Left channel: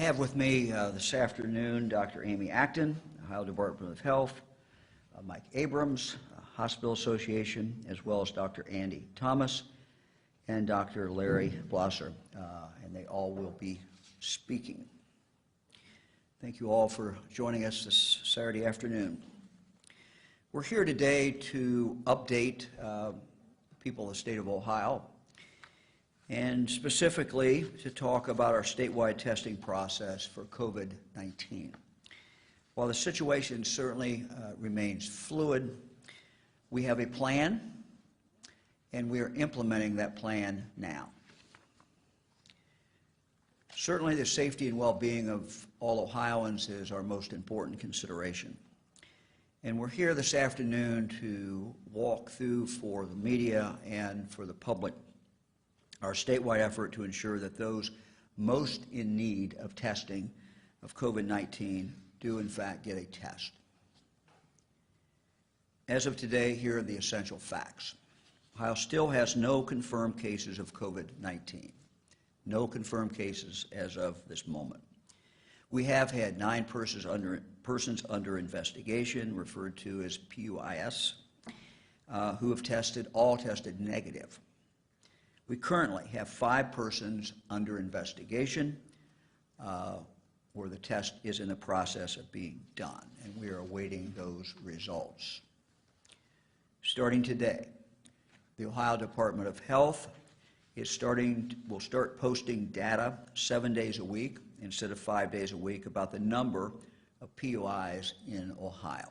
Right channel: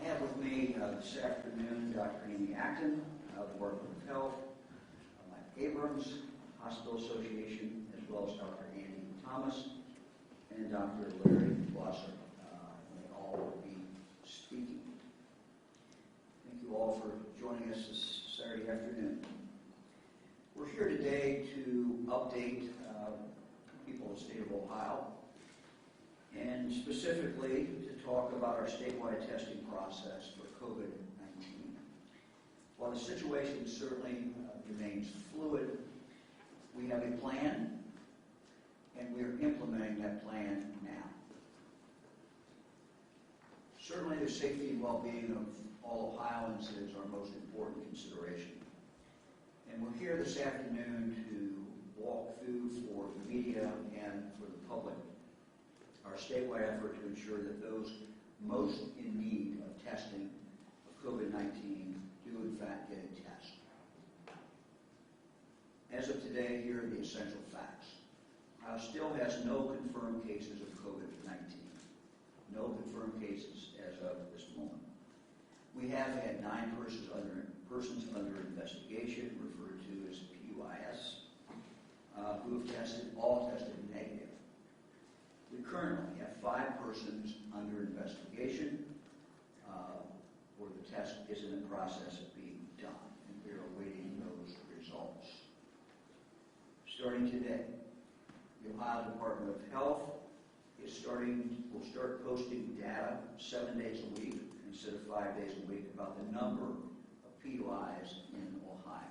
have with me this afternoon Dr. Amy Acton, Ohio Department of Health, Mike Abrams, Hospital Association, as well as Dr. Andy Thomas and Dr. Larry Blosser, and they all will be speaking. Thank you all for joining us this Saturday afternoon. We're here today to update people in the state of Ohio, and specifically to talk about our statewide testing process for COVID-19. While the situation certainly remains fluid, we have a plan, and we are implementing that plan now. Certainly the safety and well-being of all Ohioans is our most important consideration. And we're here this afternoon to walk through for the media and for the public our statewide effort to ensure that those most in need of testing of COVID-19 do in fact get a test. As of today, here are the essential facts. Ohio still has no confirmed cases of COVID-19. No confirmed cases as of this moment. We have had 9 persons under investigation, referred to as PUIS, who have all tested negative. We currently have 5 persons under investigation where the test is in the process of being done, and we are awaiting those results. Starting today, the Ohio Department of Health will start posting data 7 days a week instead of 5 days a week about the number of PUIs in Ohio.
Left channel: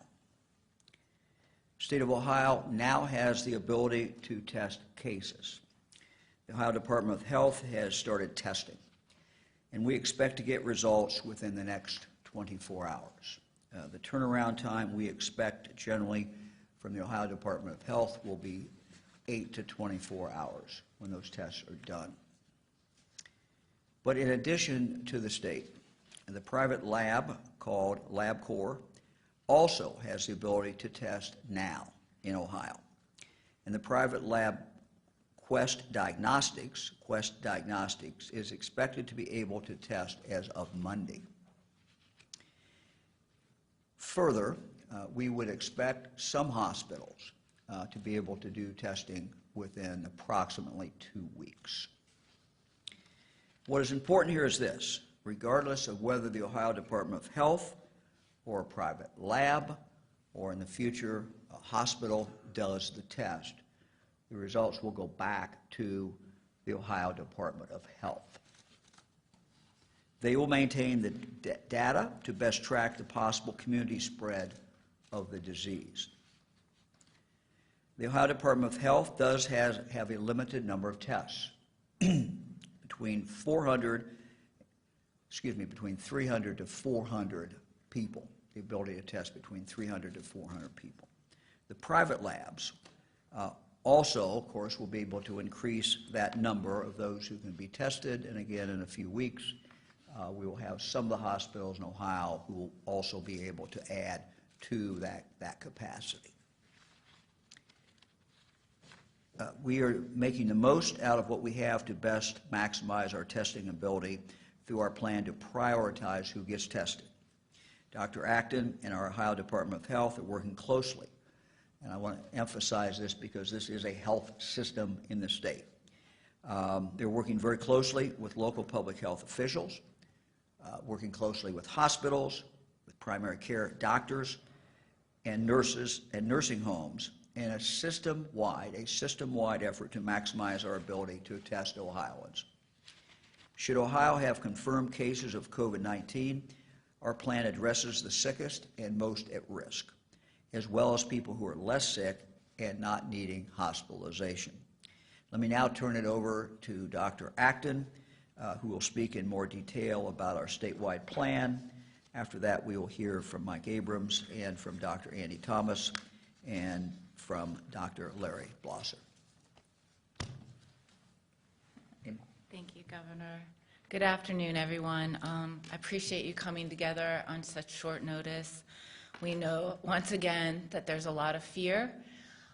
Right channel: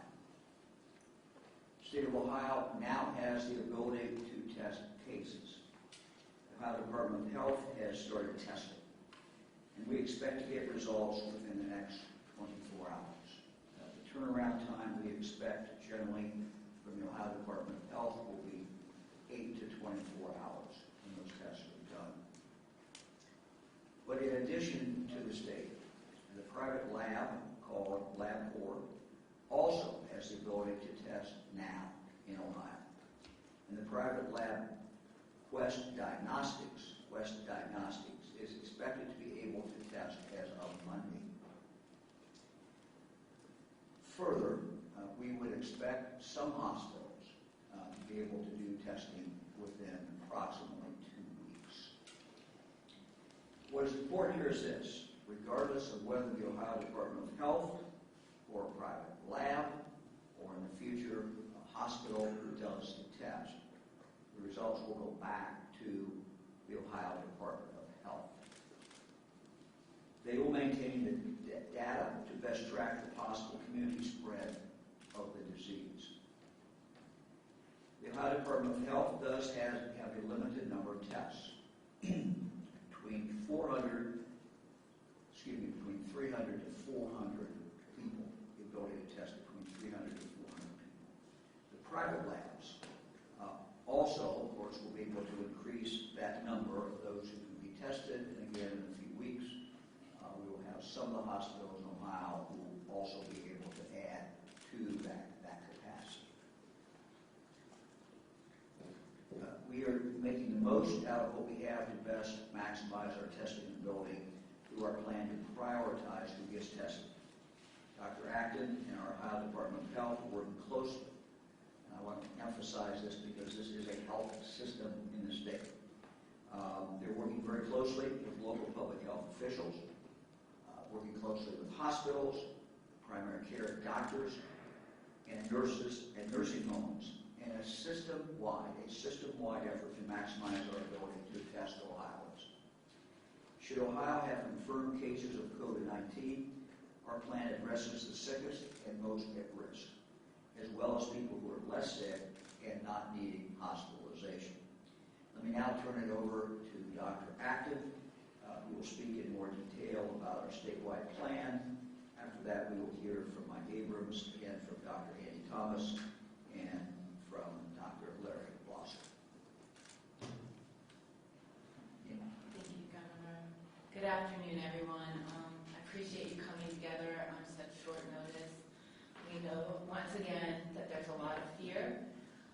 The state of Ohio now has the ability to test cases. The Ohio Department of Health has started testing, and we expect to get results within the next 24 hours. The turnaround time we expect generally from the Ohio Department of Health will be 8 to 24 hours when those tests are done. But in addition to the state, the private lab called LabCorp also has the ability to test now in Ohio. And the private lab Quest Diagnostics is expected to be able to test as of Monday. Further, we would expect some hospitals to be able to do testing within approximately 2 weeks. What is important here is this: regardless of whether the Ohio Department of Health or a private lab or in the future a hospital does the test, the results will go back to the Ohio Department of Health. They will maintain the data to best track the possible community spread of the disease. The Ohio Department of Health does have a limited number of tests, between 300 to 400 people, the ability to test between 300 to 400 people. The private labs also, of course, will be able to increase that number of those who can be tested, and again, in a few weeks, we will have some of the hospitals in Ohio who will also be able to add to that capacity. We are making the most out of what we have to best maximize our testing ability through our plan to prioritize who gets tested. Dr. Acton and our Ohio Department of Health are working closely, and I want to emphasize this because this is a health system in the state. They're working very closely with local public health officials, working closely with hospitals, with primary care doctors, and nurses and nursing homes, and a system-wide effort to maximize our ability to test Ohioans. Should Ohio have confirmed cases of COVID-19, our plan addresses the sickest and most at risk, as well as people who are less sick and not needing hospitalization. Let me now turn it over to Dr. Acton, who will speak in more detail about our statewide plan. After that, we will hear from Mike Abrams and from Dr. Andy Thomas and from Dr. Larry Blosser. Thank you, Governor. Good afternoon, everyone. I appreciate you coming together on such short notice. We know, once again, that there's a lot of fear,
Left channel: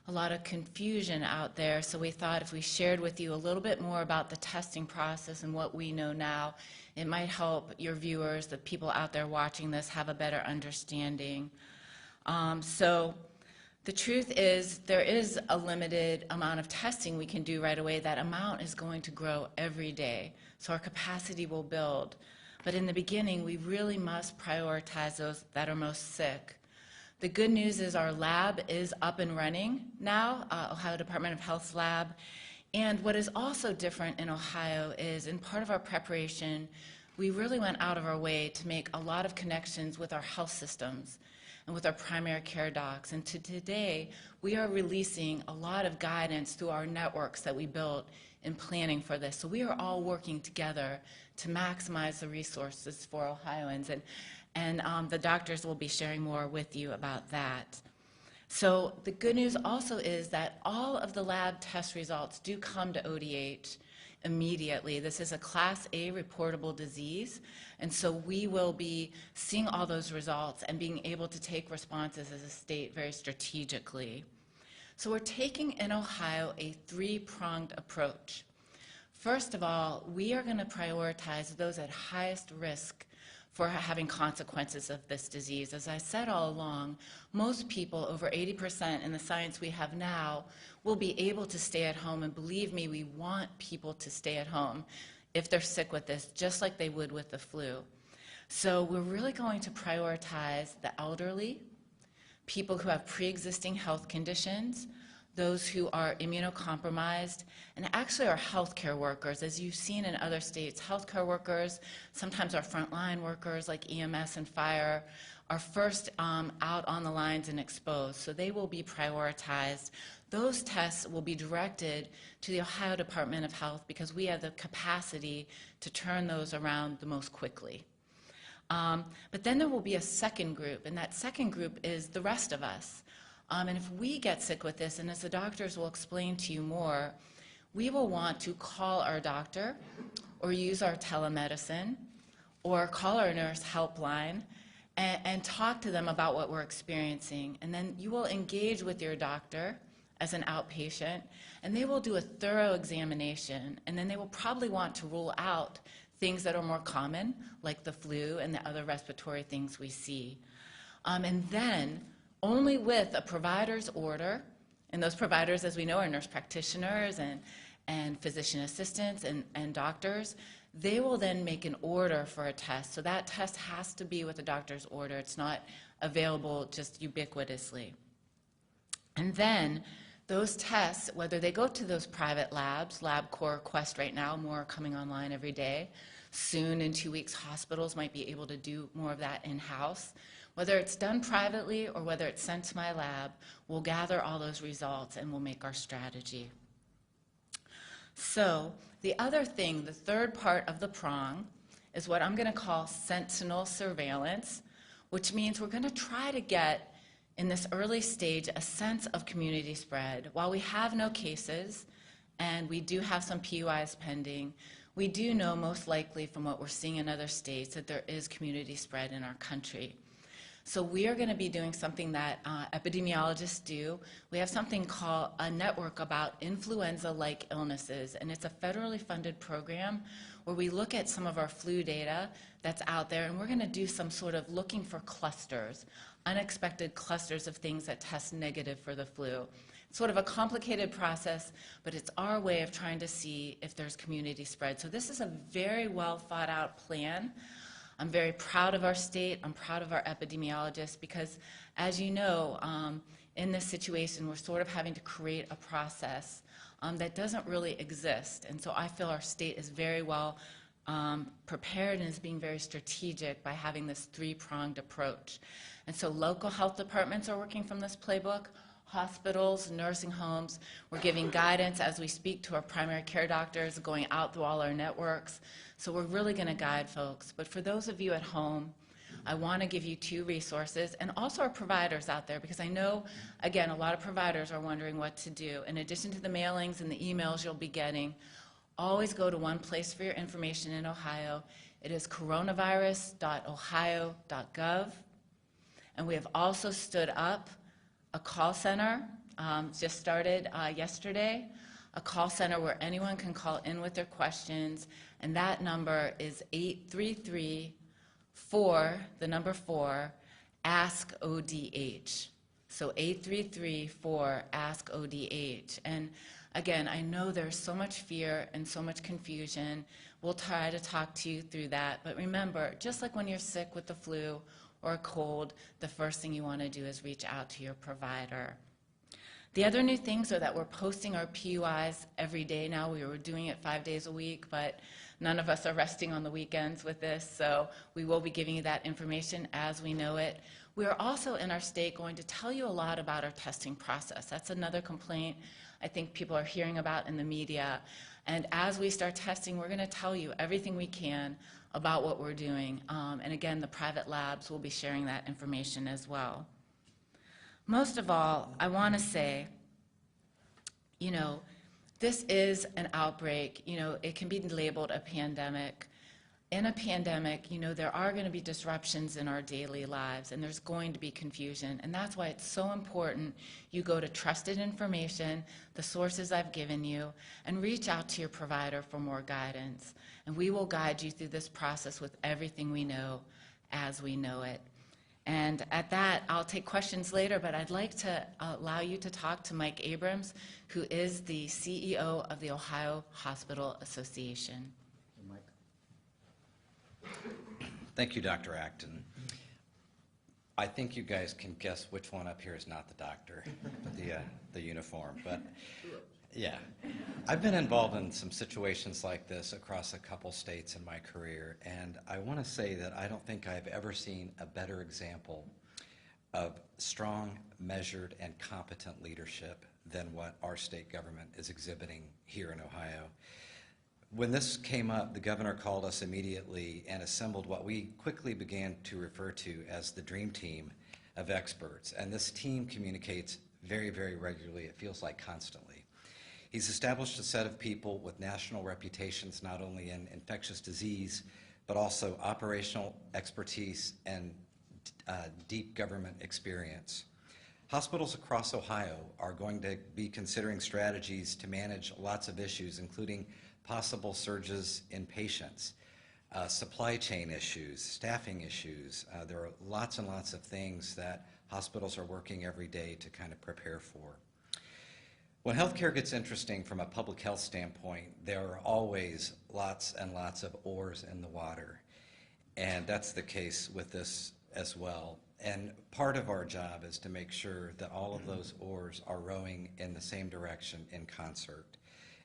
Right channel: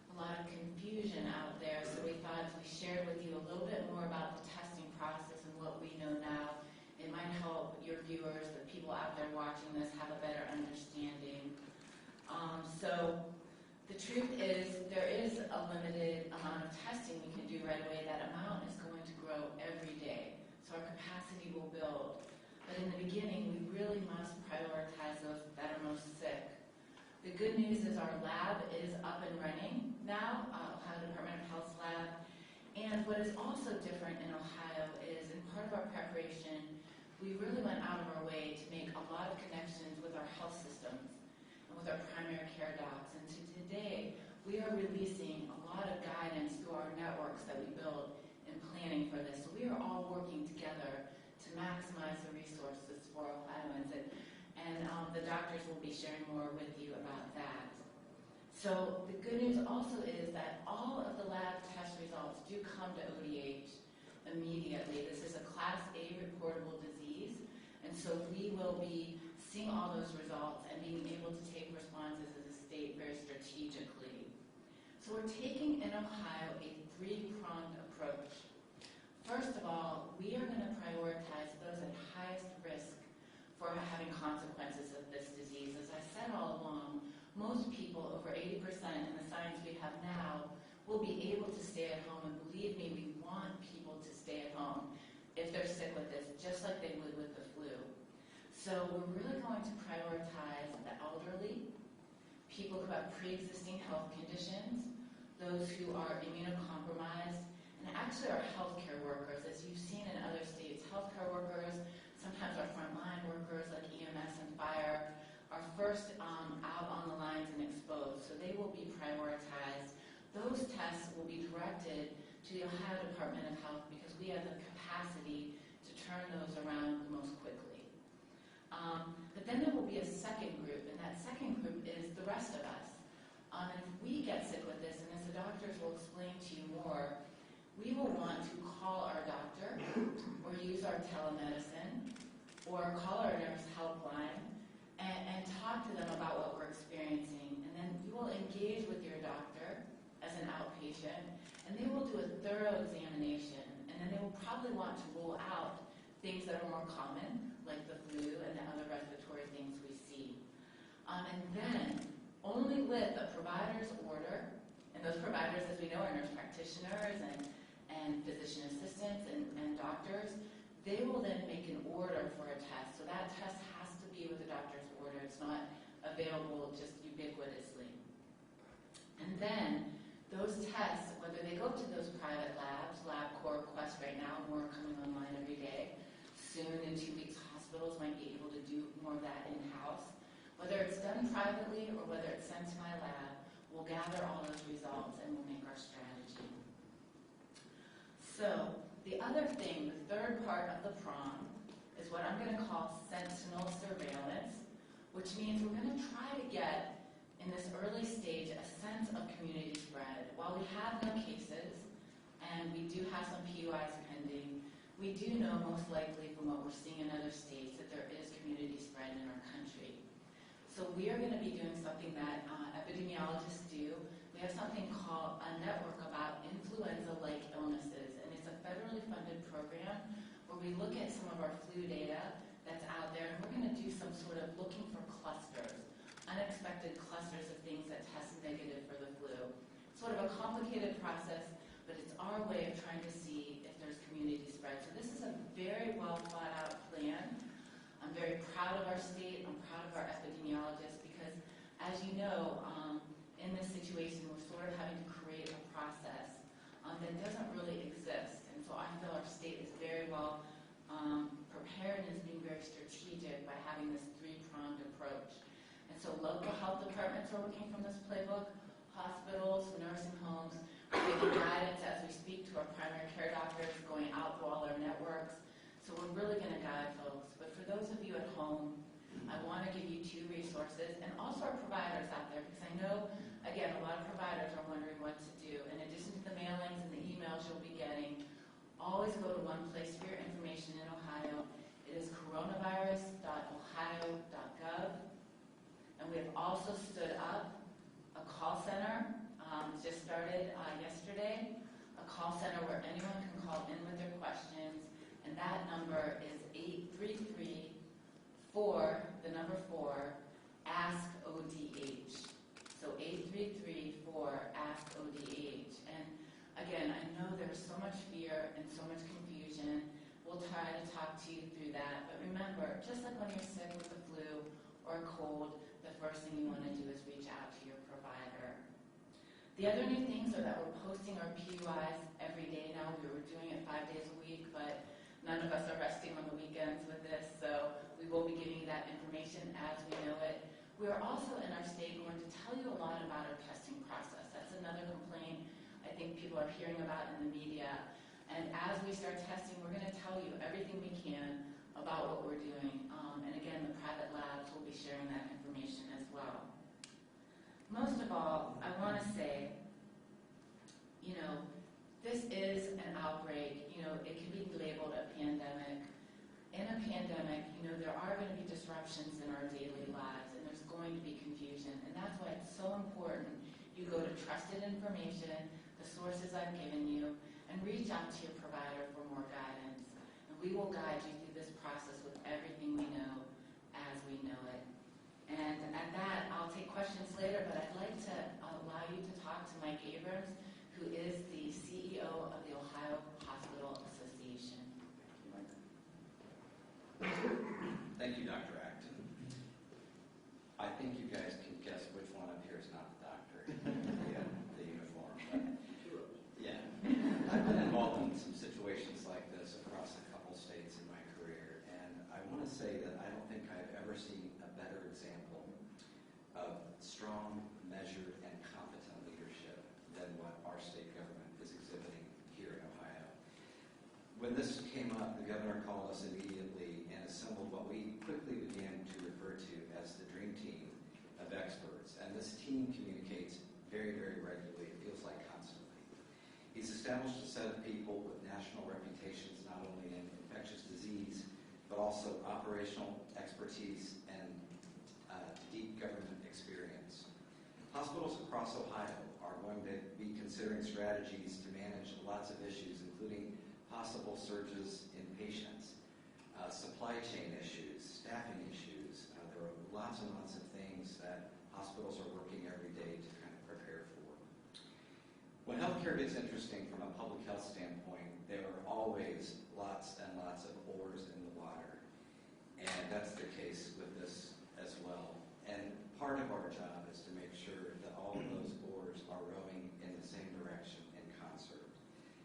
a lot of confusion out there, so we thought if we shared with you a little bit more about the testing process and what we know now, It might help your viewers, the people out there watching this, have a better understanding. So the truth is there is a limited amount of testing we can do right away. That amount is going to grow every day, so our capacity will build. But in the beginning, we really must prioritize those that are most sick. The good news is our lab is up and running now, Ohio Department of Health's lab. And what is also different in Ohio is, in part of our preparation, we really went out of our way to make a lot of connections with our health systems and with our primary care docs. And today, we are releasing a lot of guidance through our networks that we built in planning for this. So we are all working together to maximize the resources for Ohioans. And the doctors will be sharing more with you about that. So the good news also is that all of the lab test results do come to ODH immediately. This is a Class A reportable disease, and so we will be seeing all those results and being able to take responses as a state very strategically. So we're taking in Ohio a three-pronged approach. First of all, we are going to prioritize those at highest risk for having consequences of this disease. As I said all along, most people, over 80% in the science we have now, will be able to stay at home, and believe me, we want people to stay at home if they're sick with this, just like they would with the flu. So we're really going to prioritize the elderly, people who have pre-existing health conditions, those who are immunocompromised, and actually our healthcare workers. As you've seen in other states, healthcare workers, sometimes our frontline workers like EMS and fire, are first out on the lines and exposed, so they will be prioritized. Those tests will be directed to the Ohio Department of Health because we have the capacity to turn those around the most quickly. But then there will be a second group, and that second group is the rest of us. And if we get sick with this, and as the doctors will explain to you more, we will want to call our doctor or use our telemedicine or call our nurse helpline and talk to them about what we're experiencing. And then you will engage with your doctor as an outpatient, and they will do a thorough examination, and then they will probably want to rule out things that are more common, like the flu and the other respiratory things we see. And then, only with a provider's order, and those providers, as we know, are nurse practitioners and physician assistants and doctors, they will then make an order for a test. So that test has to be with a doctor's order. It's not available just ubiquitously. And then those tests, whether they go to those private labs, LabCorp, Quest right now, more are coming online every day. Soon, in 2 weeks, hospitals might be able to do more of that in-house. Whether it's done privately or whether it's sent to my lab, we'll gather all those results and we'll make our strategy. So the other thing, the third part of the prong, is what I'm going to call Sentinel Surveillance, which means we're going to try to get, in this early stage, a sense of community spread. While we have no cases, and we do have some PUIs pending, we do know most likely from what we're seeing in other states that there is community spread in our country. So we are going to be doing something that epidemiologists do. We have something called a network about influenza-like illnesses, and it's a federally funded program where we look at some of our flu data that's out there, and we're going to do some sort of looking for clusters, unexpected clusters of things that test negative for the flu. It's sort of a complicated process, but it's our way of trying to see if there's community spread. So this is a very well thought out plan. I'm very proud of our state. I'm proud of our epidemiologists because, as you know, in this situation, we're sort of having to create a process that doesn't really exist. And so I feel our state is very well prepared and is being very strategic by having this three-pronged approach. And so local health departments are working from this playbook, hospitals, nursing homes. We're giving guidance as we speak to our primary care doctors, going out through all our networks. So we're really going to guide folks. But for those of you at home, I want to give you two resources, and also our providers out there, because I know, again, a lot of providers are wondering what to do. In addition to the mailings and the emails you'll be getting, always go to one place for your information in Ohio. It is coronavirus.ohio.gov. And we have also stood up a call center, just started yesterday, a call center where anyone can call in with their questions and that number is 833-4, So 833-4-ASK-ODH. And again, I know there's so much fear and so much confusion. We'll try to talk to you through that. But remember, just like when you're sick with the flu or a cold, the first thing you want to do is reach out to your provider. The other new things are that we're posting our PUIs every day now. We were doing it 5 days a week, but none of us are resting on the weekends with this, so we will be giving you that information as we know it. We are also in our state going to tell you a lot about our testing process. That's another complaint I think people are hearing about in the media. And as we start testing, we're going to tell you everything we can about what we're doing. And again, the private labs will be sharing that information as well. Most of all, I want to say, this is an outbreak. It can be labeled a pandemic. In a pandemic, there are going to be disruptions in our daily lives, and there's going to be confusion. And that's why it's so important you go to trusted information, the sources I've given you, and reach out to your provider for more guidance. And we will guide you through this process with everything we know as we know it. And at that, I'll take questions later, but I'd like to allow you to talk to Mike Abrams, who is the CEO of the Ohio Hospital Association. Thank you, Dr. Acton. I think you guys can guess which one up here is not the doctor, the uniform, but yeah. I've been involved in some situations like this across a couple states in my career, and I want to say that I don't think I've ever seen a better example of strong, measured, and competent leadership than what our state government is exhibiting here in Ohio. When this came up, the governor called us immediately and assembled what we quickly began to refer to as the dream team of experts. And this team communicates very, very regularly. It feels like constantly. He's established a set of people with national reputations, not only in infectious disease, but also operational expertise and deep government experience. Hospitals across Ohio are going to be considering strategies to manage lots of issues, including possible surges in patients, supply chain issues, staffing issues. There are lots and lots of things that hospitals are working every day to kind of prepare for. When healthcare gets interesting from a public health standpoint, there are always lots and lots of oars in the water. And that's the case with this as well. And part of our job is to make sure that all of those oars are rowing in the same direction in concert.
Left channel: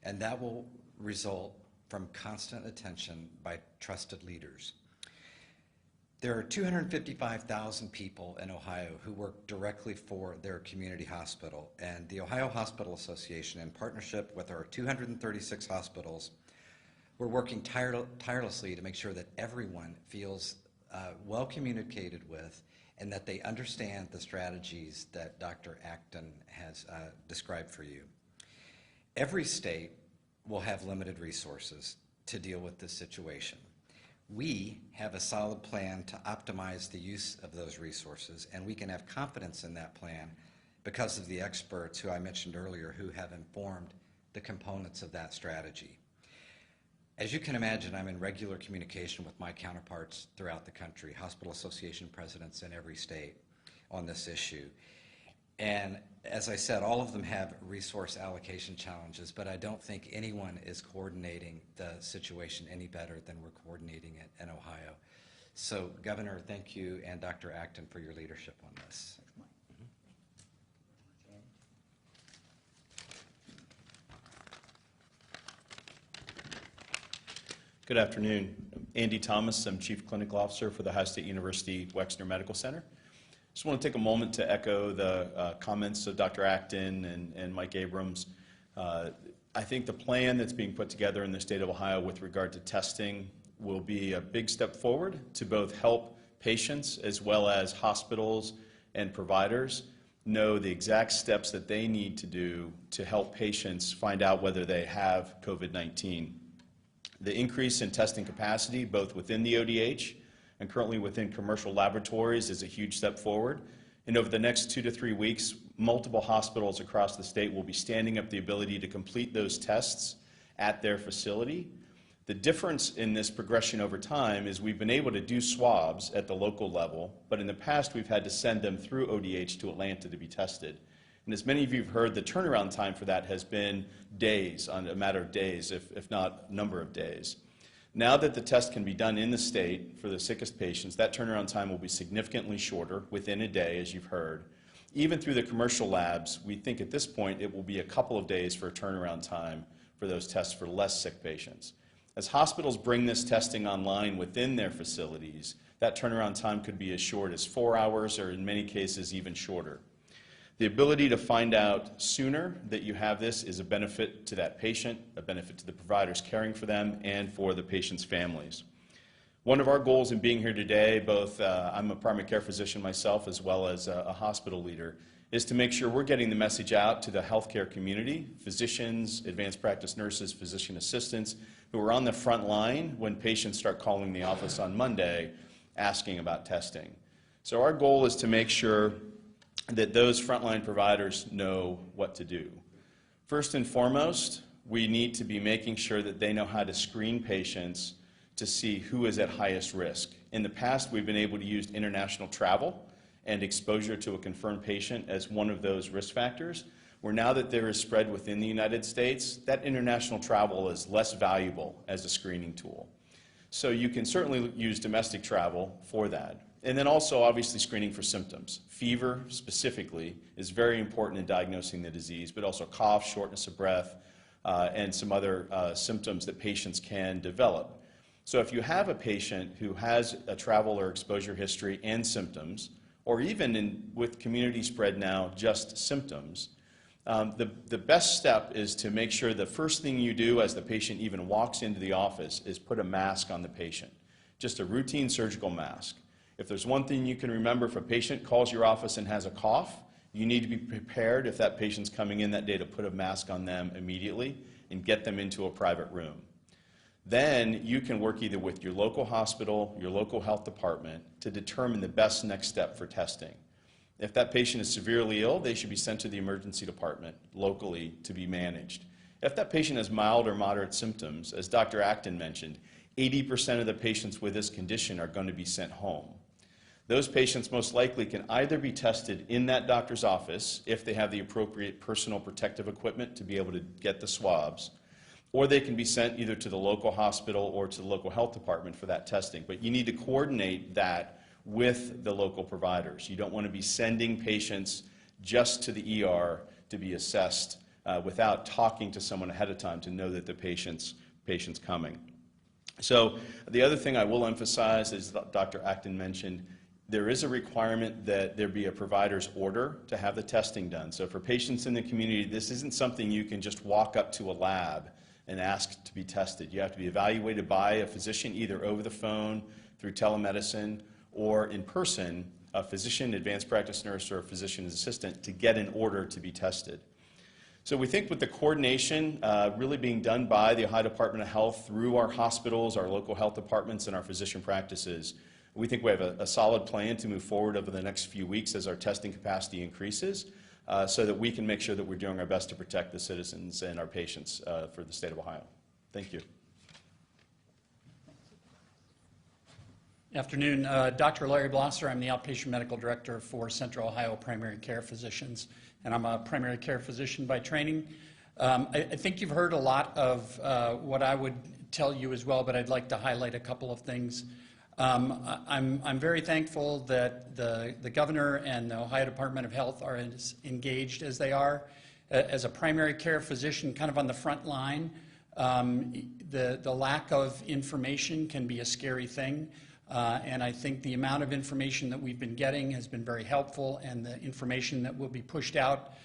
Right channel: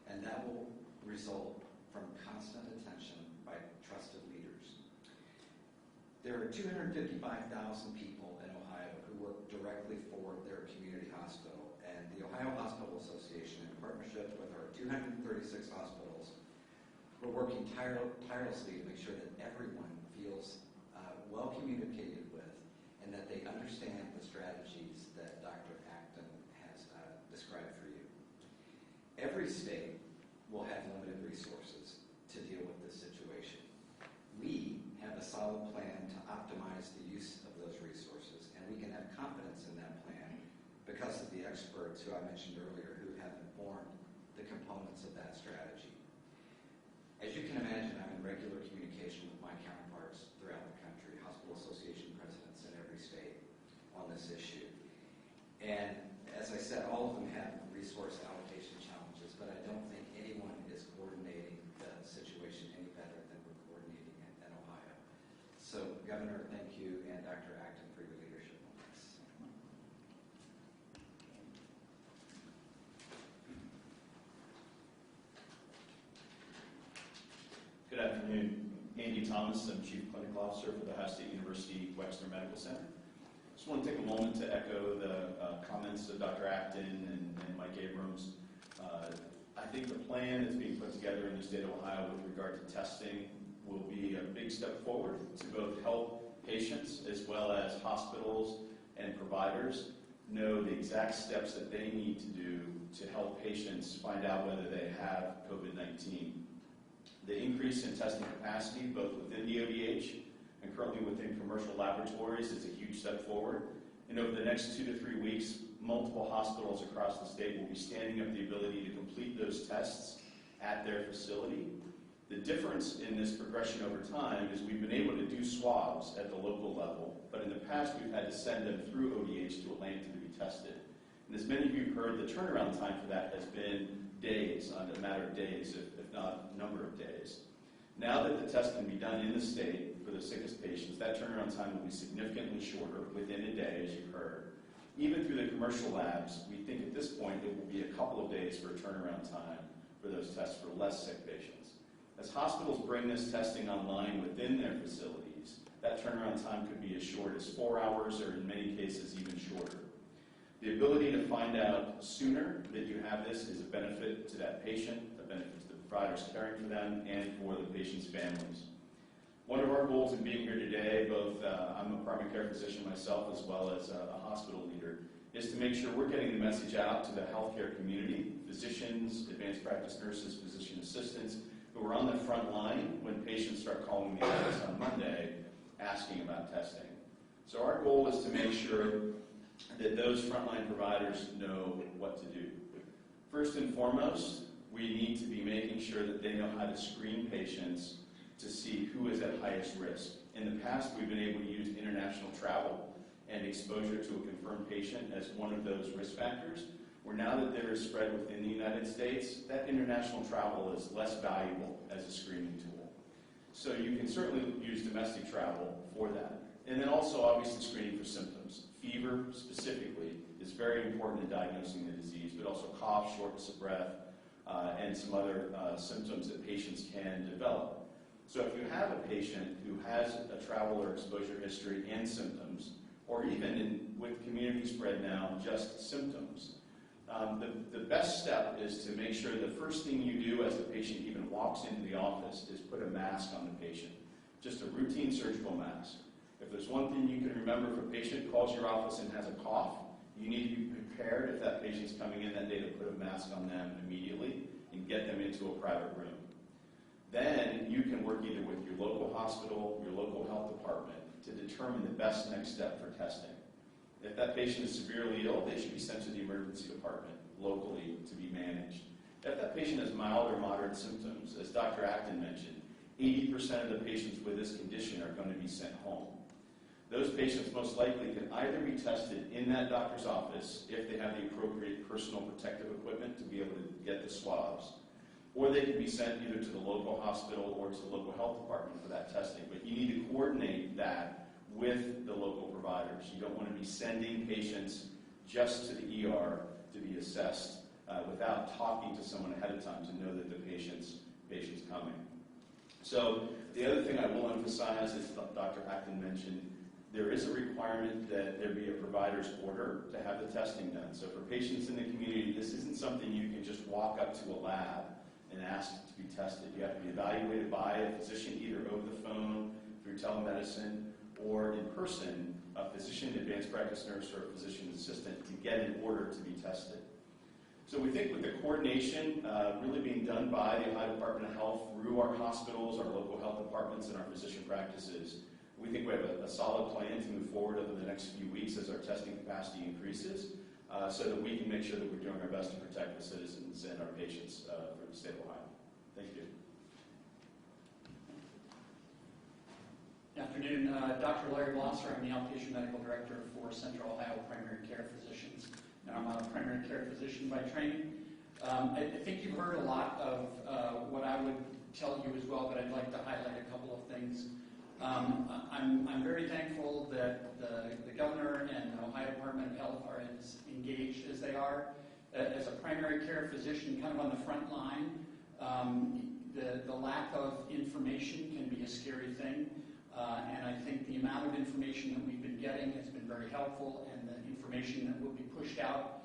And that will result from constant attention by trusted leaders. There are 255,000 people in Ohio who work directly for their community hospital, and the Ohio Hospital Association, in partnership with our 236 hospitals, we're working tirelessly to make sure that everyone feels well communicated with and that they understand the strategies that Dr. Acton has described for you. Every state will have limited resources to deal with this situation. We have a solid plan to optimize the use of those resources, and we can have confidence in that plan because of the experts who I mentioned earlier who have informed the components of that strategy. As you can imagine, I'm in regular communication with my counterparts throughout the country, hospital association presidents in every state on this issue. And as I said, all of them have resource allocation challenges, but I don't think anyone is coordinating the situation any better than we're coordinating it in Ohio. So, Governor, thank you, and Dr. Acton for your leadership on this. Good afternoon. Andy Thomas, I'm Chief Clinical Officer for the Ohio State University Wexner Medical Center. Just want to take a moment to echo the comments of Dr. Acton and Mike Abrams. I think the plan that's being put together in the state of Ohio with regard to testing will be a big step forward to both help patients as well as hospitals and providers know the exact steps that they need to do to help patients find out whether they have COVID-19. The increase in testing capacity, both within the ODH and currently within commercial laboratories, is a huge step forward. And over the next 2 to 3 weeks, multiple hospitals across the state will be standing up the ability to complete those tests at their facility. The difference in this progression over time is we've been able to do swabs at the local level, but in the past we've had to send them through ODH to Atlanta to be tested. And as many of you have heard, the turnaround time for that has been days, on a matter of days, if not number of days. Now that the test can be done in the state for the sickest patients, that turnaround time will be significantly shorter, within a day, as you've heard. Even through the commercial labs, we think at this point it will be a couple of days for a turnaround time for those tests for less sick patients. As hospitals bring this testing online within their facilities, that turnaround time could be as short as 4 hours, or in many cases even shorter. The ability to find out sooner that you have this is a benefit to that patient, a benefit to the providers caring for them, and for the patient's families. One of our goals in being here today, both I'm a primary care physician myself as well as a hospital leader, is to make sure we're getting the message out to the healthcare community, physicians, advanced practice nurses, physician assistants, who are on the front line when patients start calling the office on Monday asking about testing. So our goal is to make sure that those frontline providers know what to do. First and foremost, we need to be making sure that they know how to screen patients to see who is at highest risk. In the past, we've been able to use international travel and exposure to a confirmed patient as one of those risk factors, where now that there is spread within the United States, that international travel is less valuable as a screening tool. So you can certainly use domestic travel for that. And then also obviously screening for symptoms. Fever specifically is very important in diagnosing the disease, but also cough, shortness of breath, and some other symptoms that patients can develop. So if you have a patient who has a travel or exposure history and symptoms, or even with community spread now, just symptoms, the best step is to make sure the first thing you do as the patient even walks into the office is put a mask on the patient, just a routine surgical mask. If there's one thing you can remember, if a patient calls your office and has a cough, you need to be prepared if that patient's coming in that day to put a mask on them immediately and get them into a private room. Then you can work either with your local hospital, your local health department to determine the best next step for testing. If that patient is severely ill, they should be sent to the emergency department locally to be managed. If that patient has mild or moderate symptoms, as Dr. Acton mentioned, 80% of the patients with this condition are going to be sent home. Those patients most likely can either be tested in that doctor's office if they have the appropriate personal protective equipment to be able to get the swabs, or they can be sent either to the local hospital or to the local health department for that testing. But you need to coordinate that with the local providers. You don't want to be sending patients just to the ER to be assessed without talking to someone ahead of time to know that the patient's coming. So the other thing I will emphasize is Dr. Acton mentioned, there is a requirement that there be a provider's order to have the testing done. So for patients in the community, this isn't something you can just walk up to a lab and ask to be tested. You have to be evaluated by a physician, either over the phone, through telemedicine, or in person, a physician, advanced practice nurse, or a physician assistant to get an order to be tested. So we think with the coordination really being done by the Ohio Department of Health through our hospitals, our local health departments, and our physician practices, we think we have a solid plan to move forward over the next few weeks as our testing capacity increases, so that we can make sure that we're doing our best to protect the citizens and our patients for the state of Ohio. Thank you. Afternoon, Dr. Larry Blosser. I'm the outpatient medical director for Central Ohio Primary Care Physicians, and I'm a primary care physician by training. I think you've heard a lot of what I would tell you as well, but I'd like to highlight a couple of things. I'm very thankful that the governor and the Ohio Department of Health are as engaged as they are. As a primary care physician, kind of on the front line, the lack of information can be a scary thing. And I think the amount of information that we've been getting has been very helpful, and the information that will be pushed out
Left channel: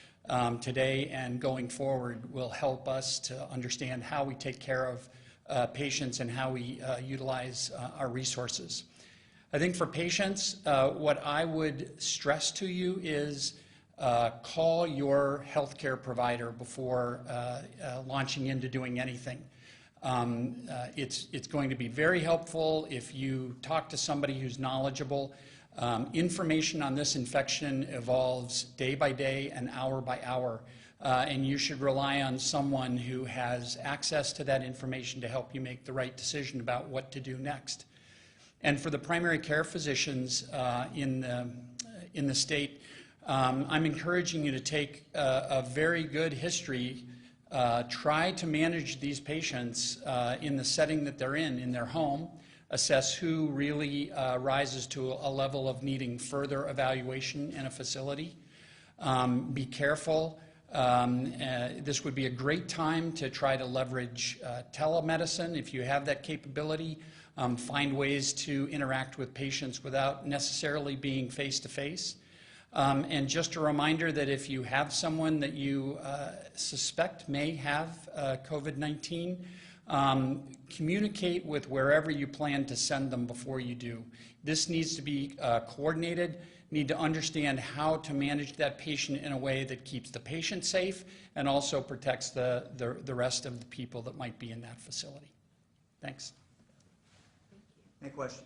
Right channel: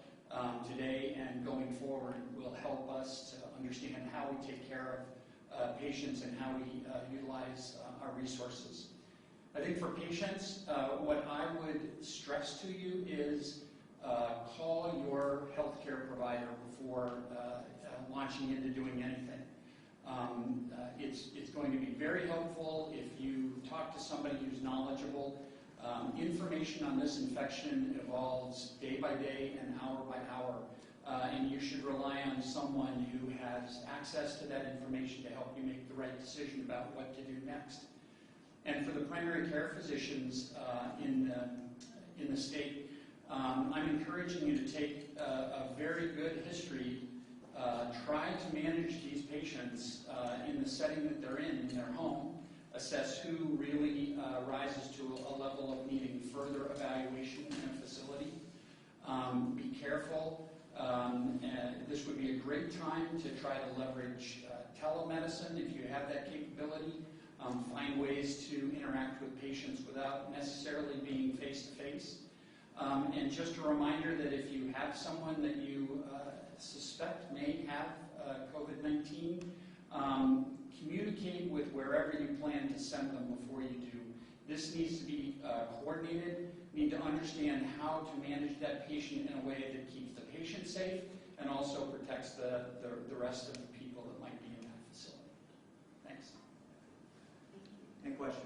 today and going forward will help us to understand how we take care of patients and how we utilize our resources. I think for patients, what I would stress to you is call your healthcare provider before launching into doing anything. It's going to be very helpful if you talk to somebody who's knowledgeable. Information on this infection evolves day by day and hour by hour. and you should rely on someone who has access to that information to help you make the right decision about what to do next. And for the primary care physicians in the state, I'm encouraging you to take a very good history, try to manage these patients in the setting that they're in their home, assess who really rises to a level of needing further evaluation in a facility. Be careful. This would be a great time to try to leverage telemedicine if you have that capability. Find ways to interact with patients without necessarily being face-to-face. And just a reminder that if you have someone that you suspect may have COVID-19, communicate with wherever you plan to send them before you do. This needs to be coordinated, need to understand how to manage that patient in a way that keeps the patient safe and also protects the rest of the people that might be in that facility. Thanks. Any questions?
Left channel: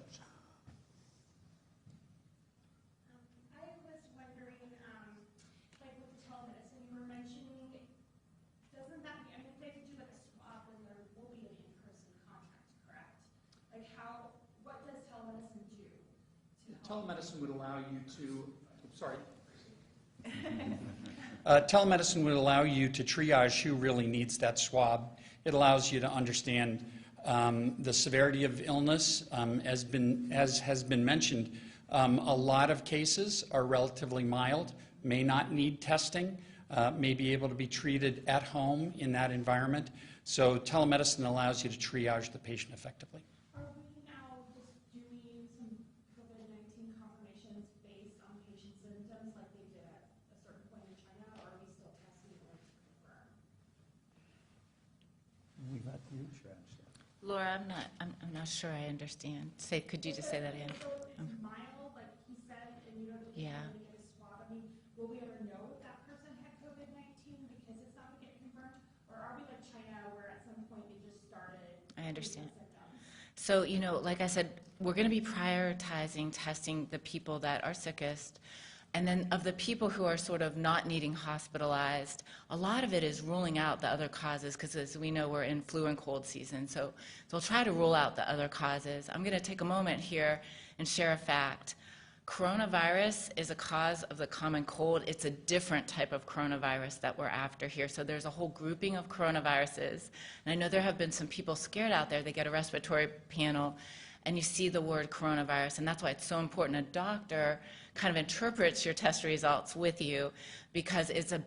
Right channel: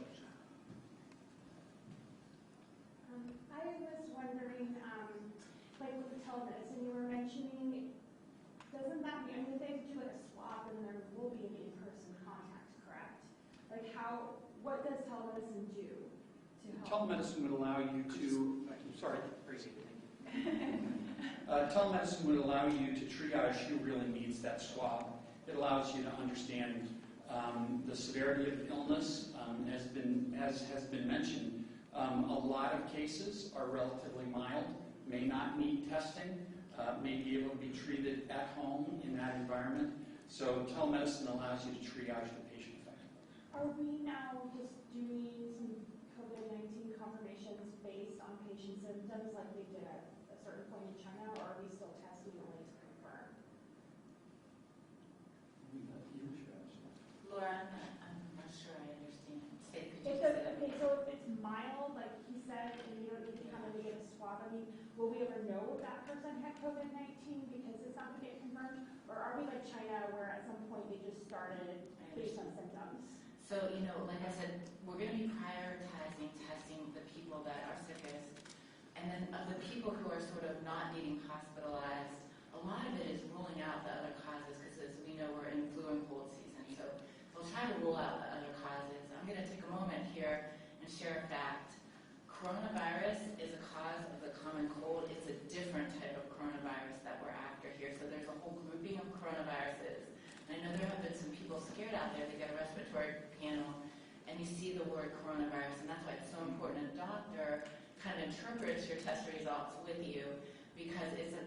I was wondering, like with the telemedicine you were mentioning, doesn't that be, I mean, if they do like a swab, then there will be an in-person contact, correct? Like what does telemedicine do to help? Telemedicine would allow you to, sorry, Tracy. Telemedicine would allow you to triage who really needs that swab. It allows you to understand the severity of illness. As has been mentioned, a lot of cases are relatively mild, may not need testing, may be able to be treated at home in that environment. So telemedicine allows you to triage the patient effectively. Are we now just doing some COVID-19 confirmations based on patient symptoms like they did at a certain point in China, or are we still testing only to confirm? Laura, I'm not sure I understand. Could you just say that again? So if it's mild, like he said, and you know they can't really get a swab, I mean, will we ever know if that person had COVID-19 because it's not going to get confirmed? Or are we like China where at some point they just started I understand. symptoms? So, like I said, we're going to be prioritizing testing the people that are sickest. And then of the people who are sort of not needing hospitalized, a lot of it is ruling out the other causes because as we know, we're in flu and cold season. So we'll try to rule out the other causes. I'm going to take a moment here and share a fact. Coronavirus is a cause of the common cold. It's a different type of coronavirus that we're after here. So there's a whole grouping of coronaviruses. And I know there have been some people scared out there. They get a respiratory panel and you see the word coronavirus. And that's why it's so important. A doctor kind of interprets your test results with you because it's a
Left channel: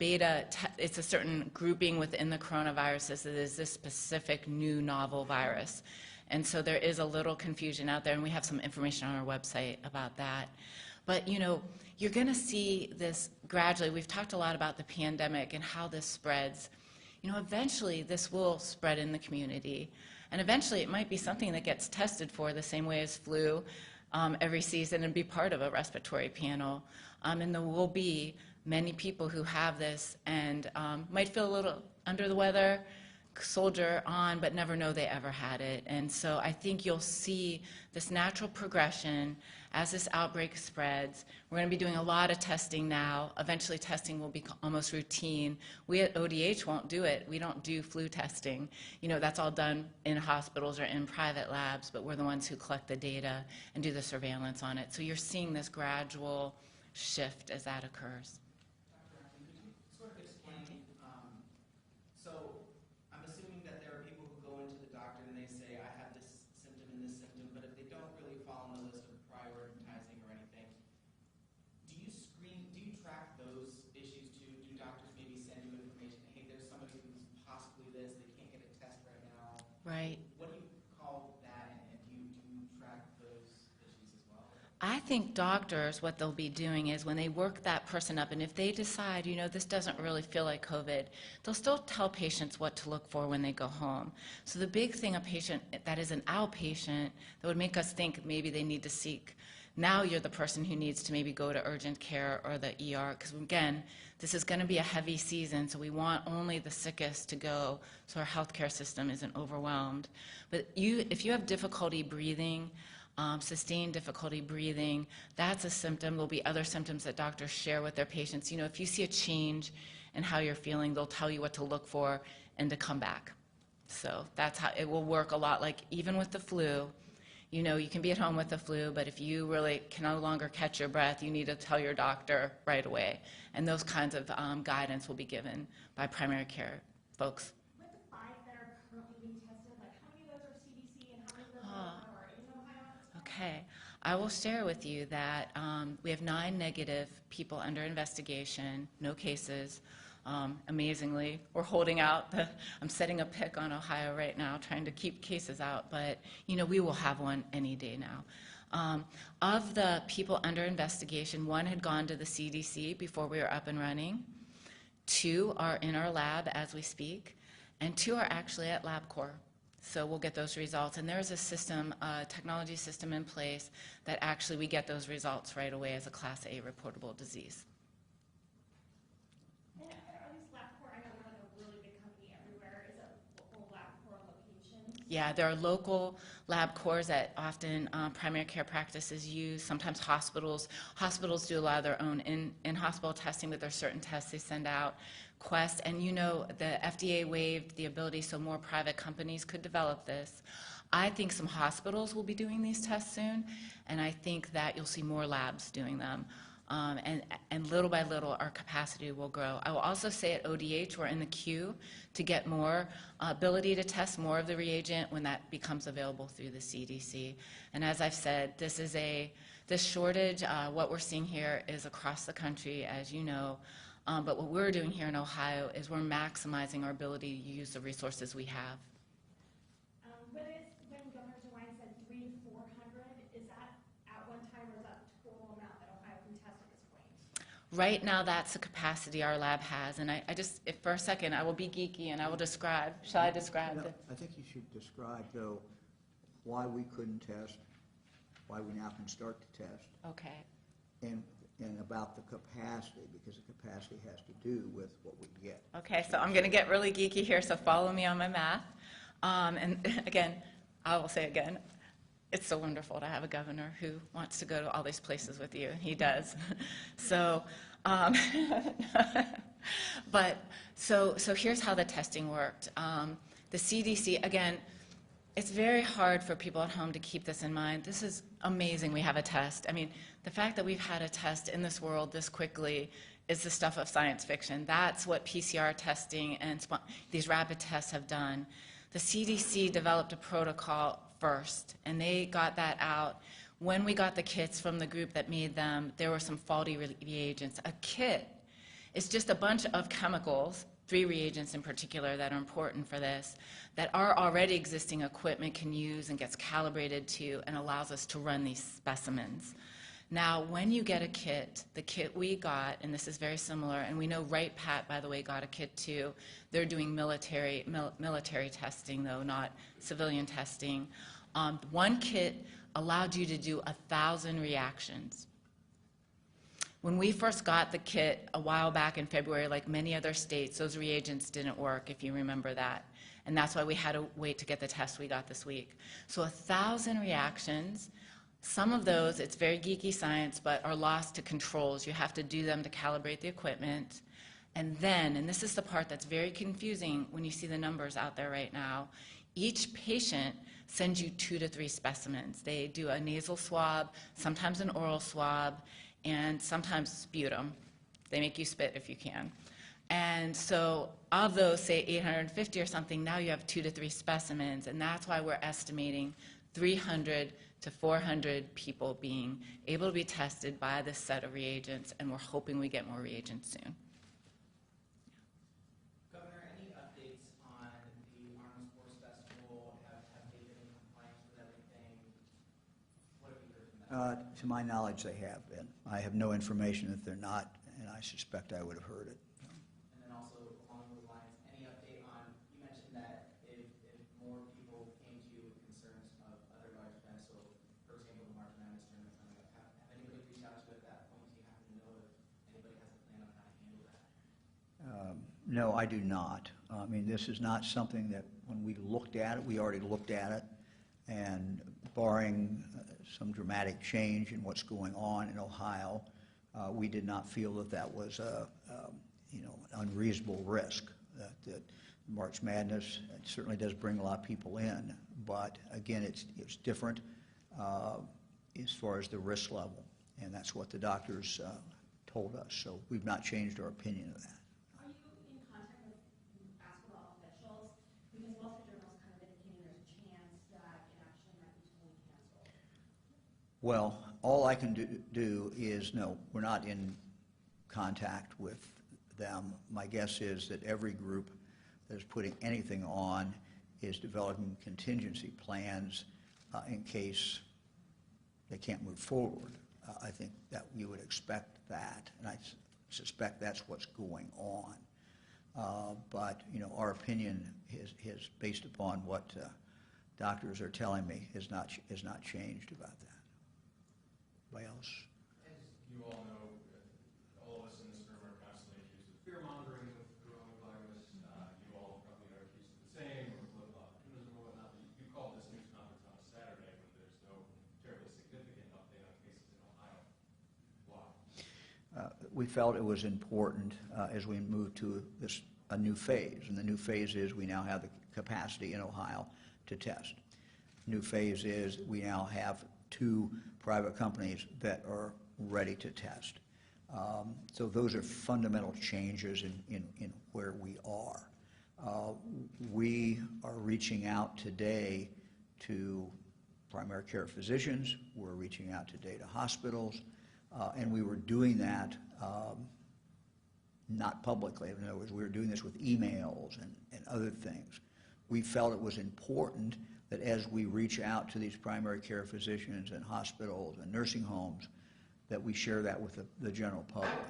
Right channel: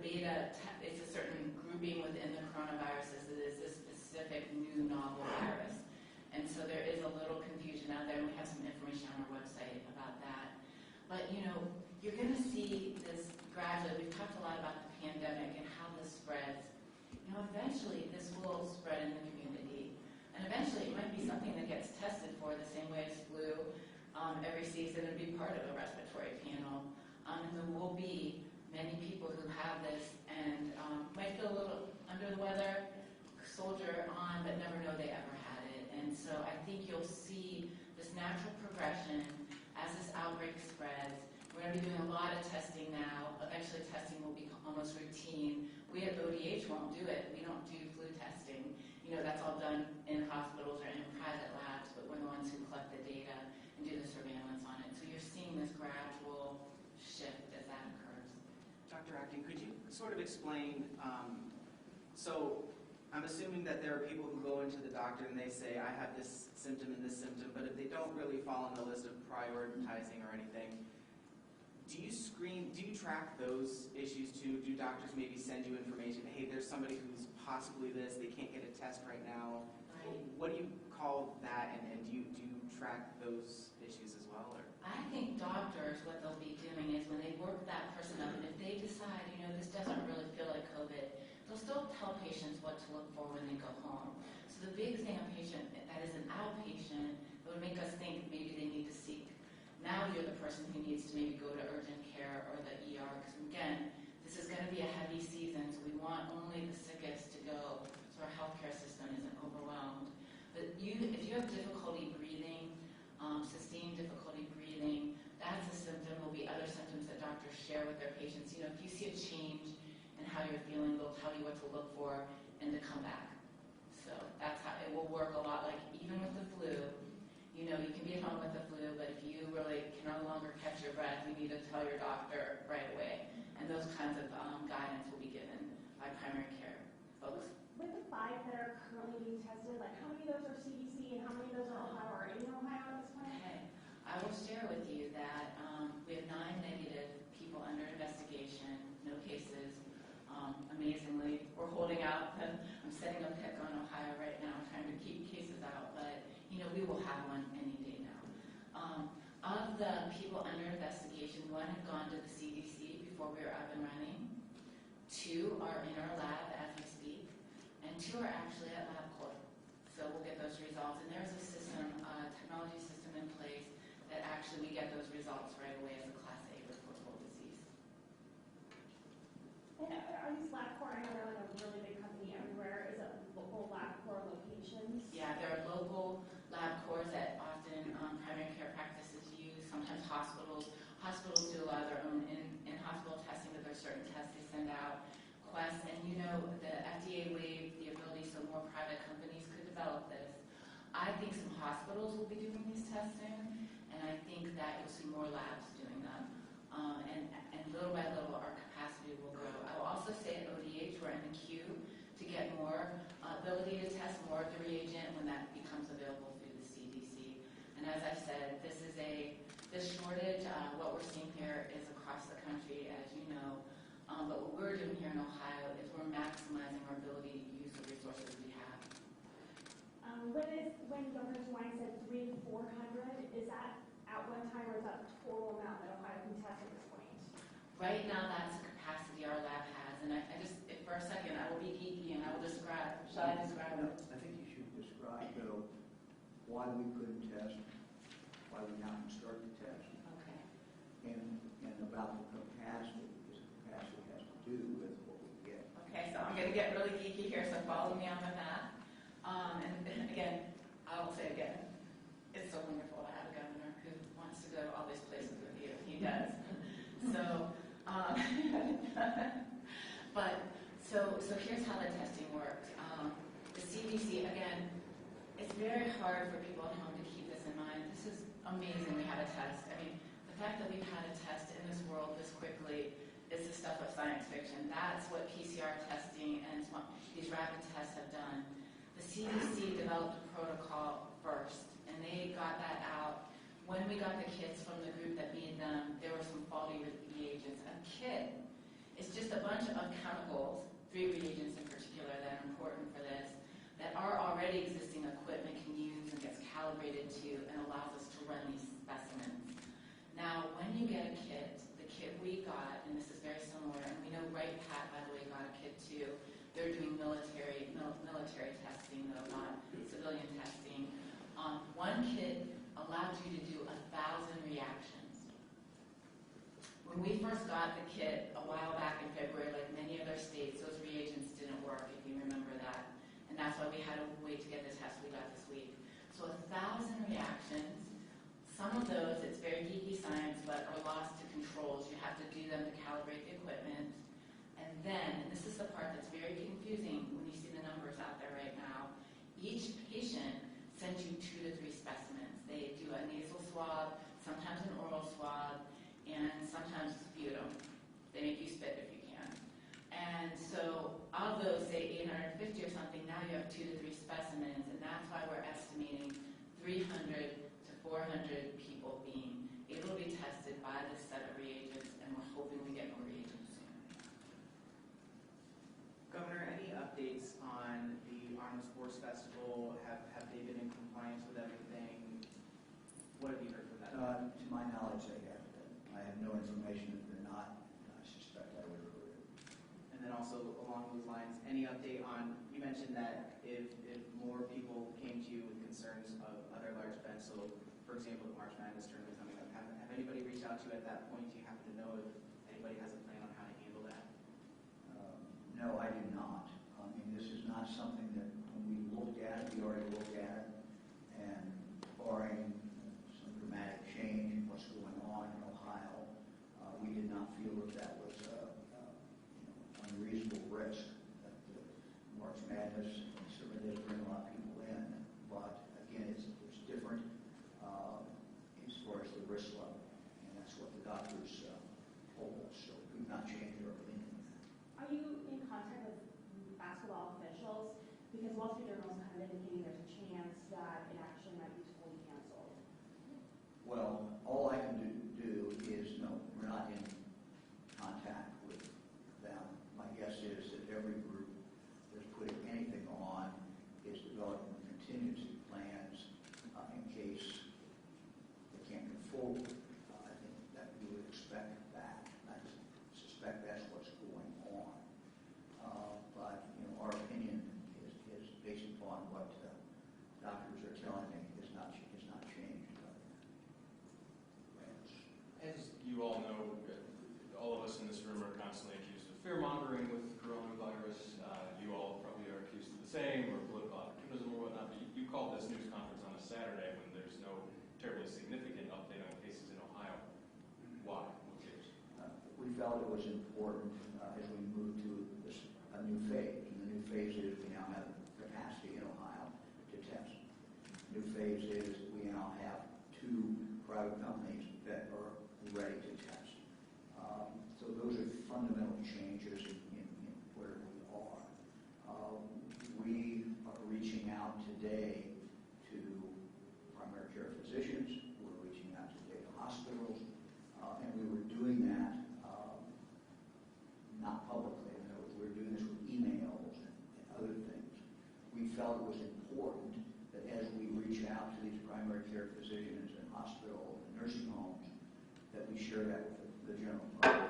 it's a certain grouping within the coronaviruses. It is this specific new novel virus. And so there is a little confusion out there, and we have some information on our website about that. But, you're going to see this gradually. We've talked a lot about the pandemic and how this spreads. Eventually this will spread in the community. And eventually it might be something that gets tested for the same way as flu every season and be part of a respiratory panel. And there will be many people who have this and might feel a little under the weather, soldier on, but never know they ever had it. And so I think you'll see this natural progression as this outbreak spreads. We're going to be doing a lot of testing now. Eventually testing will be almost routine. We at ODH won't do it. We don't do flu testing. That's all done in hospitals or in private labs, but we're the ones who collect the data and do the surveillance on it. So you're seeing this gradual shift as that occurs. Dr. Acton, could you sort of explain, so I'm assuming that there are people who go into the doctor and they say, I have this symptom and this symptom, but if they don't really fall on the list of prioritizing or anything, do you track those issues too? Do doctors maybe send you information, hey, there's somebody who's possibly this, they can't get a test right now? Right. What do you call that, and do you track those issues as well? Or? I think doctors, what they'll be doing is when they work that person up, and if they decide, this doesn't really feel like COVID, they'll still tell patients what to look for when they go home. So the big thing, a patient that is an outpatient, that would make us think maybe they need to seek. Now you're the person who needs to maybe go to urgent care or the ER, because again, this is going to be a heavy season, so we want only the sickest to go so our healthcare system isn't overwhelmed. But if you have difficulty breathing, sustained difficulty breathing, that's a symptom. There'll be other symptoms that doctors share with their patients. If you see a change and how you're feeling. They'll tell you what to look for and to come back. So that's how it will work a lot. Like even with the flu, you know, you can be at home with the flu, but if you really can no longer catch your breath, you need to tell your doctor right away. And those kinds of guidance will be given by primary care folks. With the 5 that are currently being tested, like how many of those are CDC and how many of those are in Ohio at this point? Okay. I will share with you that we have 9 negative people under investigation, no cases. Amazingly, we're holding out. I'm setting a pick on Ohio right now, trying to keep cases out, but you know, we will have one any day now. Of the people under investigation, 1 had gone to the CDC before we were up and running. 2 are in our lab as we speak, and 2 are actually at LabCorp. So we'll get those results, and there's a system, a technology system in place that actually we get those results right away as a Class A reportable disease. And are these LabCorp, I know they're like a really big company everywhere, is it local LabCorp locations? Yeah, there are local LabCorps that often primary care practices use. Sometimes hospitals do a lot of their own in-hospital testing, but there's certain tests they send out. Quest, and you know, the FDA waived the ability so more private companies could develop this. I think some hospitals will be doing these tests soon, and I think that you'll see more labs doing them. And little by little, our capacity will grow. I will also say at ODH, we're in the queue to get more ability to test more of the reagent when that becomes available through the CDC. And as I've said, this shortage, what we're seeing here is across the country, as you know. But what we're doing here in Ohio is we're maximizing our ability to use the resources we have. When Governor DeWine said 300 to 400, is that at one time or is that the total amount that Ohio can test at this point? Right now, that's the capacity our lab has. And I just, if for a second, I will be geeky and I will describe. Shall I describe No, it? I think you should describe, though, why we couldn't test, why we now can start to test, Okay. and about the capacity, because the capacity has to do with what we get. Okay, so I'm going to get really geeky here, so follow me on my math. And again, I will say again, it's so wonderful to have a governor who wants to go to all these places with you. He does. So here's how the testing worked. The CDC, again, it's very hard for people at home to keep this in mind. This is amazing we have a test. I mean, the fact that we've had a test in this world this quickly is the stuff of science fiction. That's what PCR testing and these rapid tests have done. The CDC developed a protocol first, and they got that out. When we got the kits from the group that made them, there were some faulty reagents. A kit is just a bunch of chemicals, 3 reagents in particular that are important for this, that our already existing equipment can use and gets calibrated to and allows us to run these specimens. Now, when you get a kit, the kit we got, and this is very similar, and we know Wright Pat, by the way, got a kit too. They're doing military testing, though, not civilian testing. One kit allowed you to do 1,000 reactions. When we first got the kit a while back in February, like many other states, those reagents didn't work, if you remember that. And that's why we had to wait to get the test we got this week. So 1,000 reactions. Some of those, it's very geeky science, but are lost to controls. You have to do them to calibrate the equipment. And then, and this is the part that's very confusing when you see the numbers out there right now, each patient sends you 2 to 3 specimens. They do a nasal swab, sometimes an oral swab, and sometimes sputum. They make you spit if you can. And so of those, say 850 or something, now you have 2 to 3 specimens, and that's why we're estimating 300 to 400 people being able to be tested by this set of reagents, and we're hoping we get more reagents soon. Governor, any updates on the Arnold Sports Festival? Have they been in compliance with everything? What have you heard from them? To my knowledge, they have been. I have no information that they're not, and I suspect I would have heard it. And then also along those lines, any update on, you mentioned that if more people came to you with concerns of other large events, so for example, the March Madness tournament coming up, have anybody reached out to you at that point? Do you happen to know if anybody has a plan on how to handle that? No, I do not. I mean, this is not something that when we looked at it, we already looked at it, and barring some dramatic change in what's going on in Ohio, we did not feel that that was unreasonable risk. That March Madness certainly does bring a lot of people in, but again, it's different as far as the risk level, and that's what the doctors told us. So we've not changed our opinion of that. Are you in contact with basketball officials? Because Wall Street Journal is kind of indicating there's a chance that it actually might be totally canceled. Well, all I can do is, no, we're not in contact with them. My guess is that every group that is putting anything on is developing contingency plans in case they can't move forward. I think that we would expect that, and I suspect that's what's going on. But you know, our opinion is based upon what doctors are telling me is not changed about that. Anybody else? As you all know, all of us in this room are constantly accused of fear-mongering with coronavirus. You all probably are accused of the same, or political opportunism or whatnot. But you called this news conference on a Saturday when there's no terribly significant update on cases in Ohio. Why? We felt it was important as we move to a new phase, and the new phase is we now have the capacity in Ohio to test. New phase is we now have 2 private companies that are ready to test. So those are fundamental changes in where we are. We are reaching out today to primary care physicians. We're reaching out today to hospitals. And we were doing that not publicly. In other words, we were doing this with emails and other things. We felt it was important that as we reach out to these primary care physicians and hospitals and nursing homes, that we share that with the general public.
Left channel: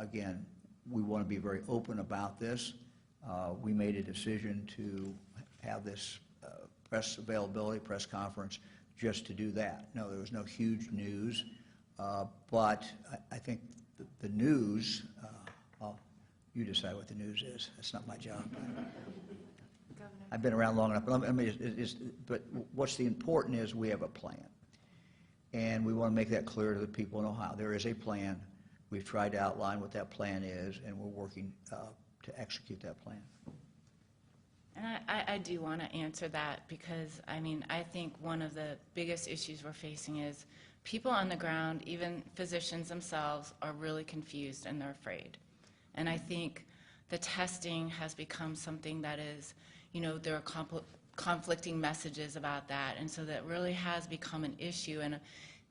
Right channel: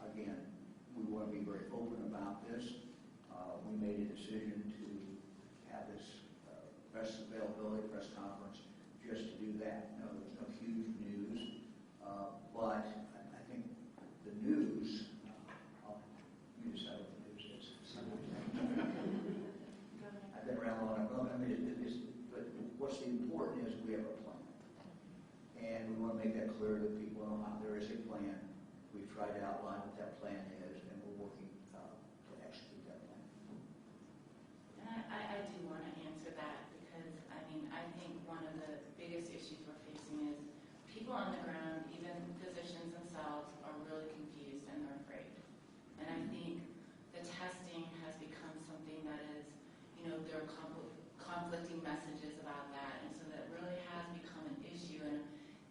Again, we want to be very open about this. We made a decision to have this press availability, press conference, just to do that. No, there was no huge news, but I think the news, you decide what the news is. That's not my job. I've been around long enough. But what's the important is we have a plan. And we want to make that clear to the people in Ohio. There is a plan. We've tried to outline what that plan is, and we're working to execute that plan. And I do want to answer that because, I mean, I think one of the biggest issues we're facing is people on the ground, even physicians themselves, are really confused and they're afraid. And I think the testing has become something that is, you know, there are conflicting messages about that, and so that really has become an issue. And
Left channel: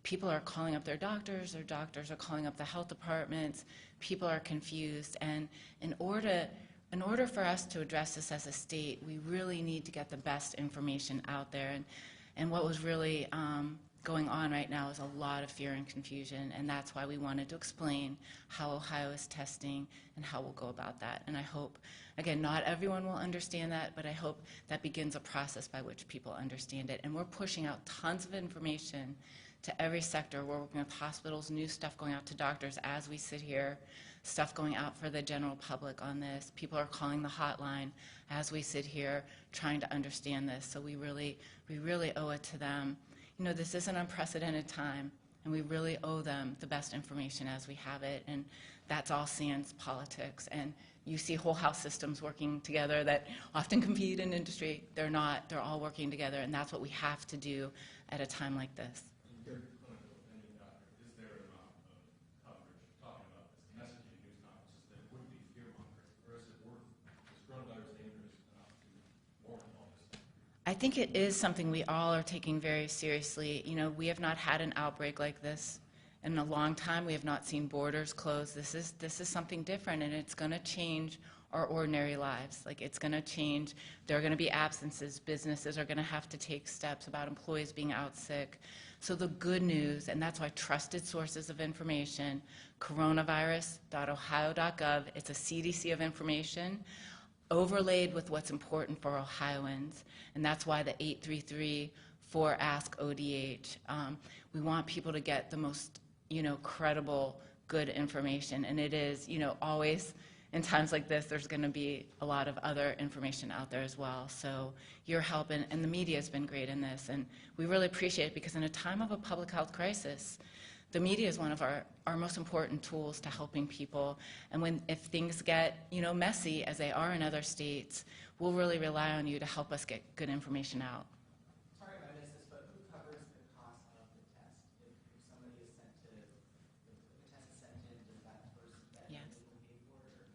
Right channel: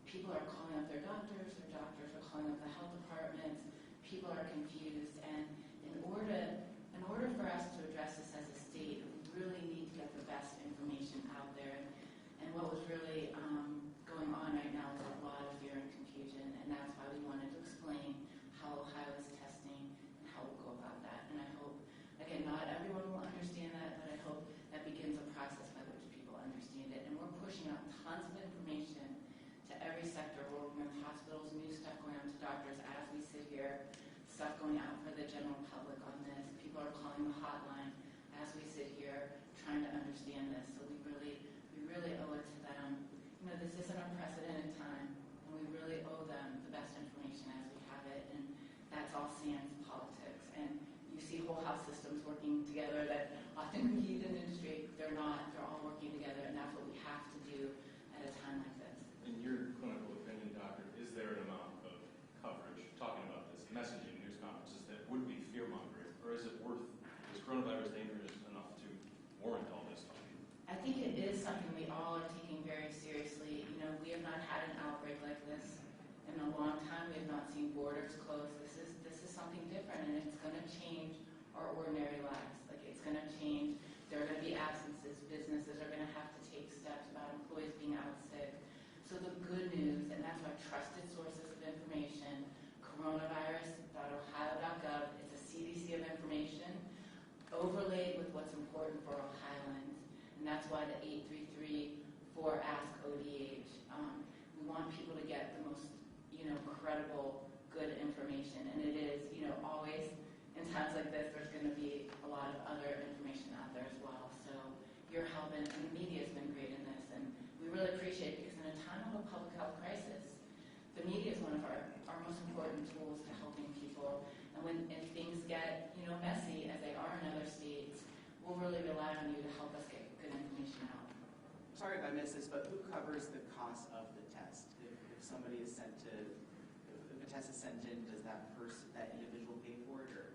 people are calling up their doctors are calling up the health departments. People are confused, and in order for us to address this as a state, we really need to get the best information out there. And what was really going on right now is a lot of fear and confusion, and that's why we wanted to explain how Ohio is testing and how we'll go about that. And I hope, again, not everyone will understand that, but I hope that begins a process by which people understand it. And we're pushing out tons of information to every sector. We're working with hospitals, new stuff going out to doctors as we sit here, stuff going out for the general public on this. People are calling the hotline as we sit here trying to understand this. So we really owe it to them. You know, this is an unprecedented time, and we really owe them the best information as we have it, and that's all sans politics. And you see whole health systems working together that often compete in industry. They're not. They're all working together, and that's what we have to do at a time like this. In your clinical opinion, doctor, is there an amount of coverage talking about this messaging in news conferences that would be fear-mongering, or is it worth, is coronavirus dangerous enough to warrant all this talk? I think it is something we all are taking very seriously. You know, we have not had an outbreak like this in a long time. We have not seen borders closed. This is something different, and it's going to change our ordinary lives. Like, it's going to change. There are going to be absences. Businesses are going to have to take steps about employees being out sick. So the good news, and that's why trusted sources of information, coronavirus.ohio.gov, it's a CDC of information, overlaid with what's important for Ohioans. And that's why the 833-4-ASK-ODH. We want people to get the most, credible, good information. And it is, always in times like this, there's going to be a lot of other information out there as well. So your help and the media has been great in this. And we really appreciate it because in a time of a public health crisis, the media is one of our most important tools to helping people. And if things get, messy, as they are in other states, we'll really rely on you to help us get good information out. Sorry if I missed this, but who covers the cost of the test? If somebody is sent to, if a test is sent in, does that individual pay for it? Or?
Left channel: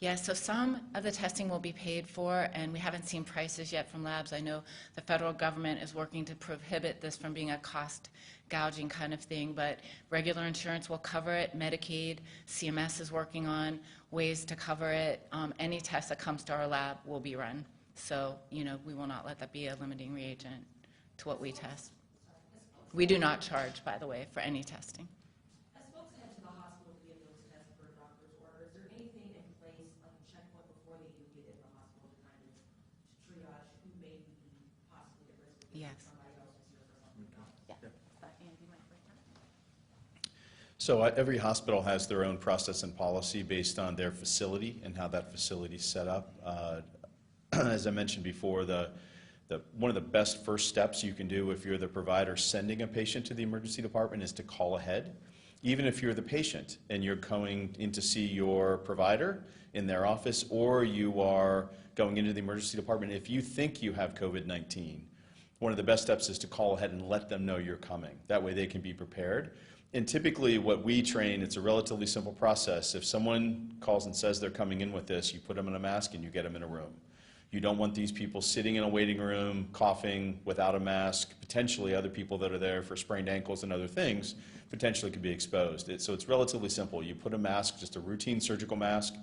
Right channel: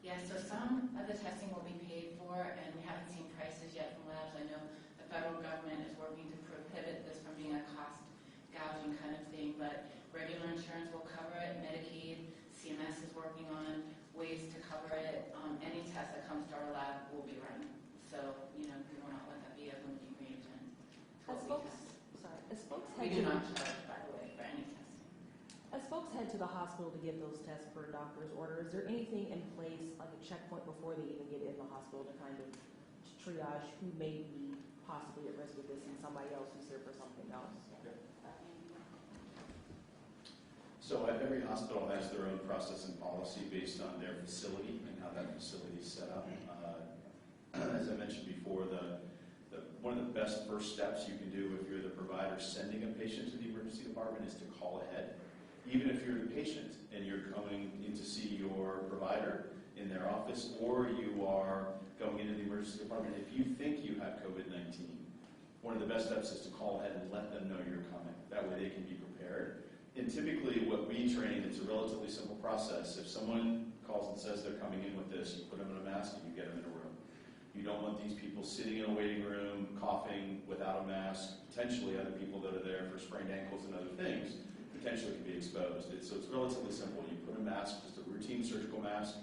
Yeah, so some of the testing will be paid for, and we haven't seen prices yet from labs. I know the federal government is working to prohibit this from being a cost gouging kind of thing, but regular insurance will cover it. Medicaid, CMS is working on ways to cover it. Any test that comes to our lab will be run. So, we will not let that be a limiting reagent to what we test. We do not charge, by the way, for any testing. As folks head to the hospital to get those tests per doctor's order, is there anything in place, like a checkpoint before they even get in the hospital to kind of triage who may be possibly at risk of this and somebody else who's here for something else? So every hospital has their own process and policy based on their facility and how that facility is set up. As I mentioned before, one of the best first steps you can do if you're the provider sending a patient to the emergency department is to call ahead. Even if you're the patient and you're going in to see your provider in their office, or you are going into the emergency department, if you think you have COVID-19, one of the best steps is to call ahead and let them know you're coming. That way they can be prepared. And typically what we train, it's a relatively simple process. If someone calls and says they're coming in with this, you put them in a mask and you get them in a room. You don't want these people sitting in a waiting room, coughing without a mask. Potentially other people that are there for sprained ankles and other things potentially could be exposed. So it's relatively simple. You put a mask, just a routine surgical mask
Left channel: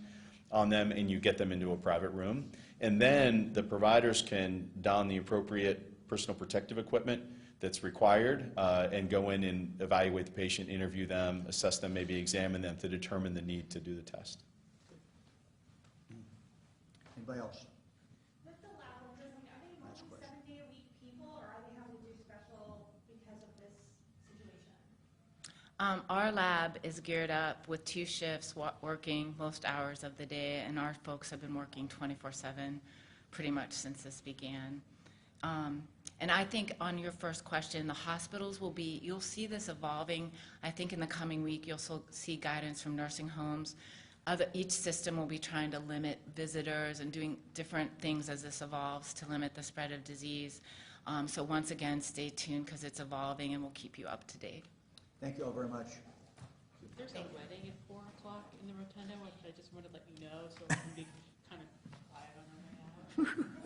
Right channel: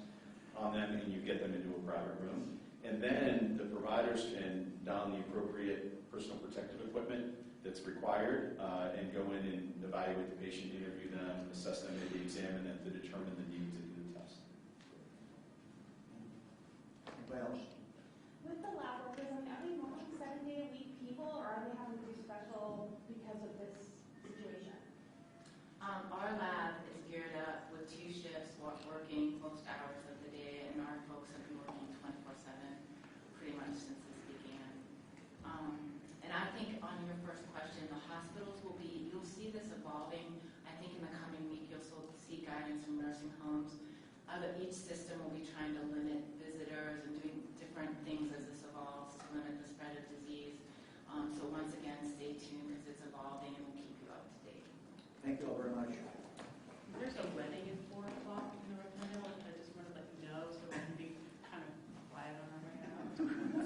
on them, and you get them into a private room. And then the providers can don the appropriate personal protective equipment that's required and go in and evaluate the patient, interview them, assess them, maybe examine them to determine the need to do the test. Anybody else? With the lab workers, are they mostly 7-day-a-week people, or are they having to do special because of this situation? Our lab is geared up with 2 shifts, working most hours of the day, and our folks have been working 24/7 pretty much since this began. And I think on your first question, the hospitals will be, you'll see this evolving. I think in the coming week, you'll see guidance from nursing homes. Each system will be trying to limit visitors and doing different things as this evolves to limit the spread of disease. So once again, stay tuned because it's evolving and we'll keep you up to date. Thank you all very much. There's a wedding at 4 o'clock in the rotunda. I just wanted to let you know so we can be kind of quiet on our behalf.